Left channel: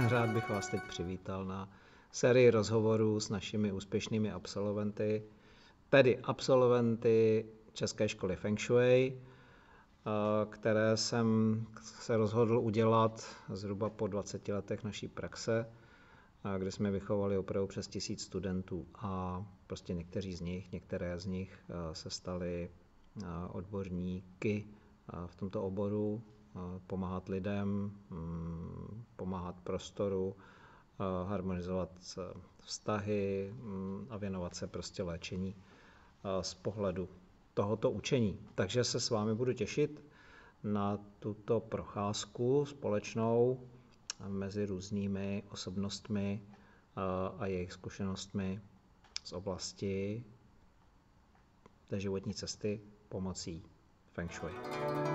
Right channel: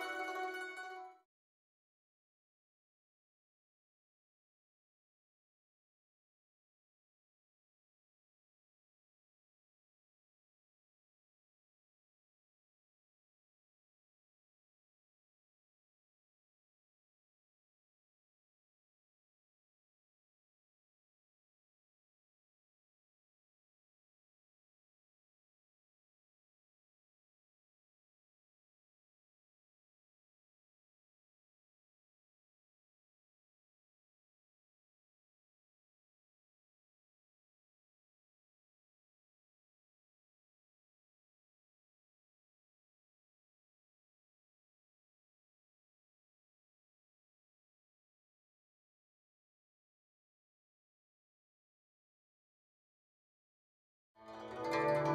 Rád bych vás teď přivítal na sérii rozhovorů s našimi úspěšnými absolventy, tedy absolventy České školy Feng Shui, které jsem se rozhodl udělat zhruba po 20 letech naší praxe, kde jsme vychovali opravdu přes 1000 studentů a prostě některé z nich se staly odborníky v tomto oboru, pomáhat lidem, pomáhat prostoru, harmonizovat vztahy a věnovat se prostě léčení z pohledu tohoto učení. Takže se s vámi budu těšit na tuto procházku společnou mezi různými osobnostmi a jejich zkušenostmi z oblasti té životní cesty pomocí Feng Shui.